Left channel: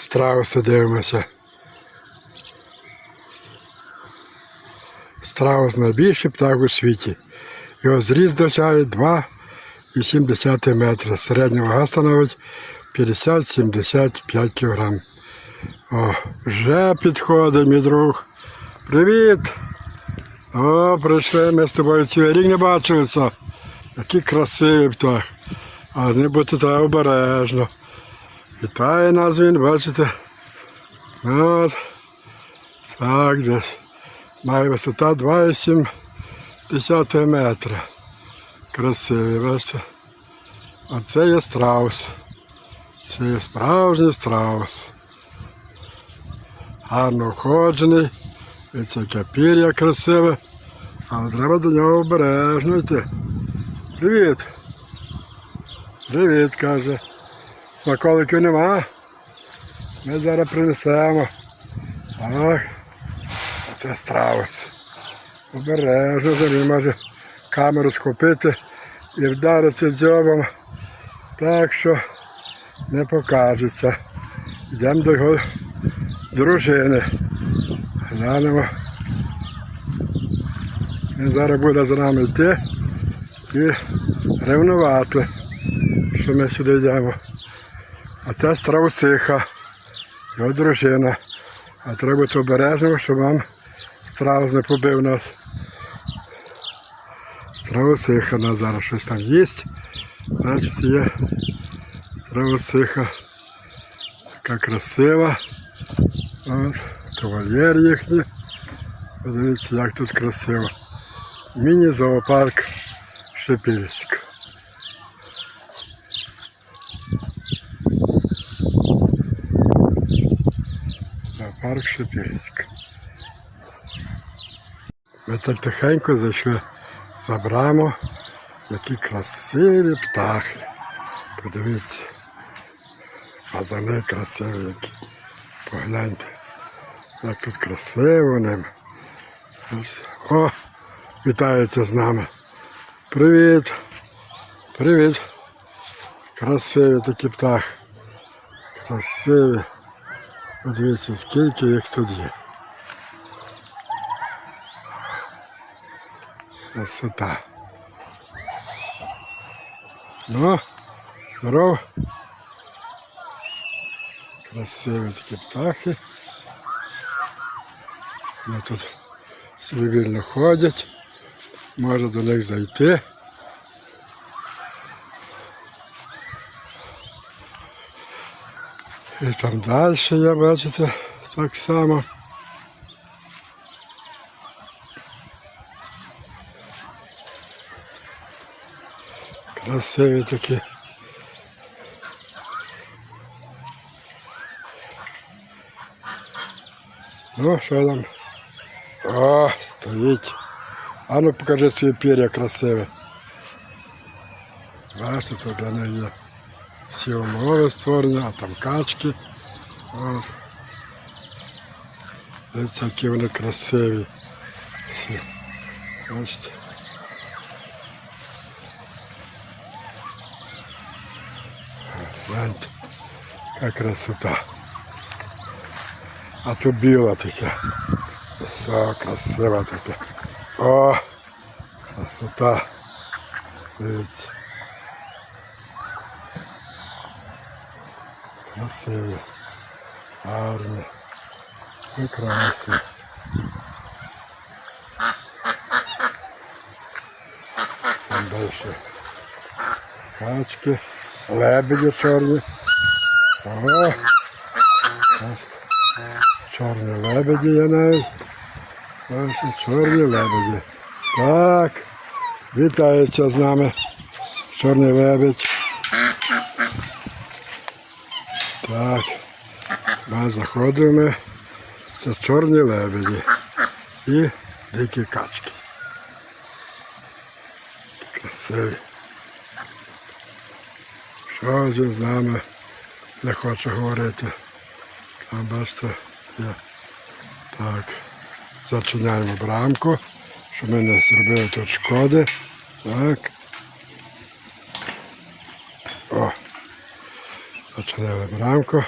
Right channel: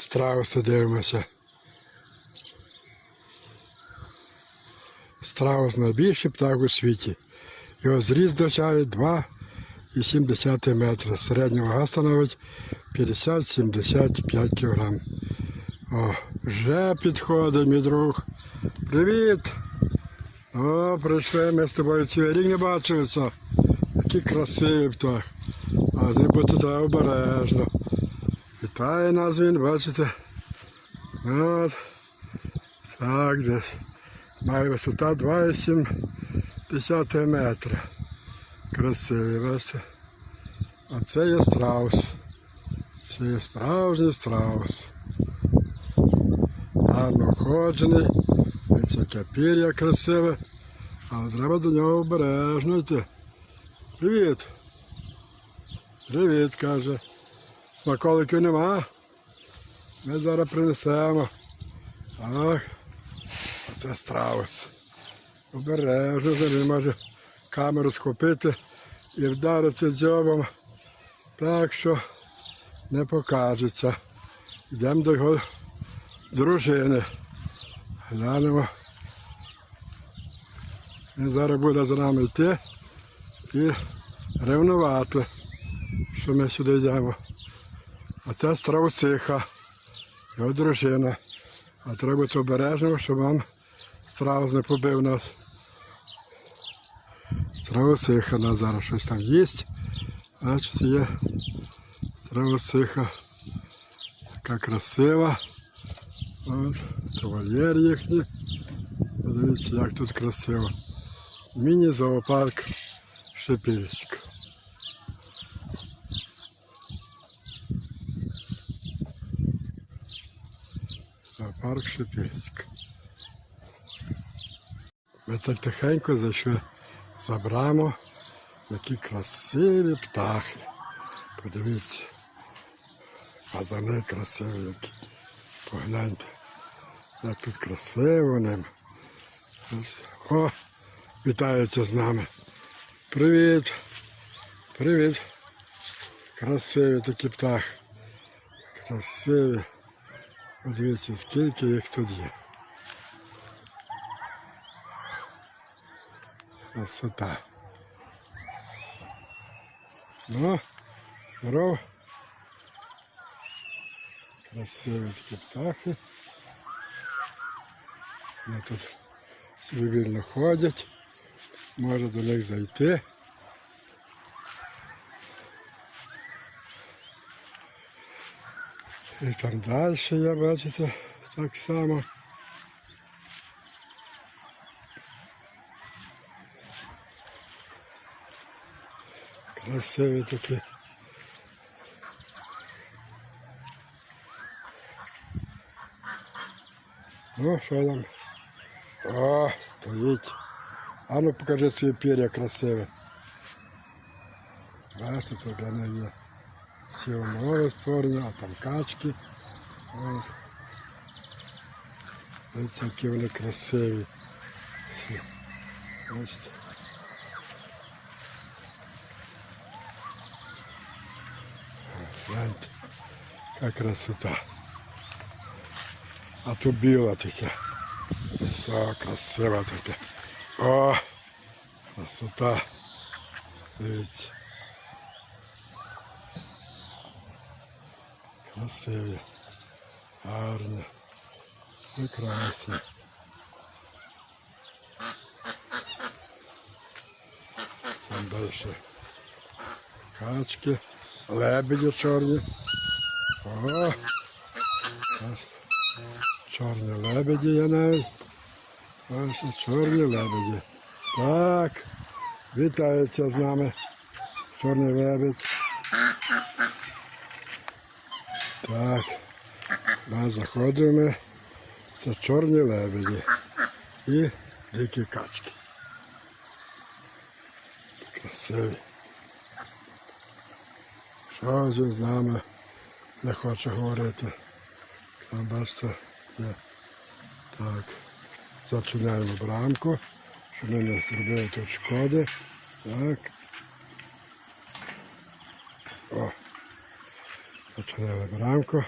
страуси дивимося. Страус найбільший птах у світі. Його зріст досягає 2,7 метра. Середня вага становить 50-75 кг. О, вже підходить, мій друг. Привіт! О, прийшли, ми з тобою цілий рік не бачилися. Який красивий птах. А з ним бути треба обережно. Вітає нас він, бачите? От. Так, десь. Має висота 2,7 метра. Красивий, бачите? А це є страус. Це є справжній страус. Гарно оходжений. Це яке пір'я красиве. Але треба до нього обережно йти. Привіт. Привіт, каже. Смаколиків нема. Ми зараз принесемо. Так. Це страус. Обережно за ним може камеру схопити і вдарити дзьобом. Так що не покажеться. Йдемо до його дружини. Глянемо. Він зараз буде за нами йти і ревнувати, що ми сюди йдемо. А це страусиха, його дружина. А треба бути обережним, щоб вам страус не побив нас. Страусиха нас зараз щось там їсть. Значить є страусиха. Така красива. От, кавальєр їхній. Подивіться, як тут красиво. Міні-зоопарк Шепільськ. Зоопарк Шепільськ. Ми так тихенько зайшли за браму. Які красиві птахи. Подивіться. Фазани красиві які. Погляньте. Як тут красиво ним. О, вітається з нами. Привіт. Привіт. Красиві такі птахи. Красиві. Подивіться, скільки їх тут є. Красота. Ну, здорово. Красиві такі птахи. Вони тут собі ходять. Можна до них зайти. І там далі є, бачите, так само. Красиві такі. Ну, що там? О, стоїть. А ну покажи свої пір'я красиве. Бачите, тут для них є всі умови створені, а там качки. Дивіться, які вони красиві. Всі. Бачите. Гляньте, яка красота. А то біла таке. Все красиво таке. О, красота. Дивіться. Красиві. Гарні. Прекрасні. Там далі качки, лебеді чорні. О, чорні лебеді є навіть. Чорні лебеді. Так, вітається з нами чорний лебедь. Так, ми заходимо. Це чорні лебеді і дикі качки. Красиві. Що він з нами не хоче говорити. Там бачите, є. Так, зачиняємо брамку, щоб ми не зробили тут шкоди. Так. О. Зачинили брамку.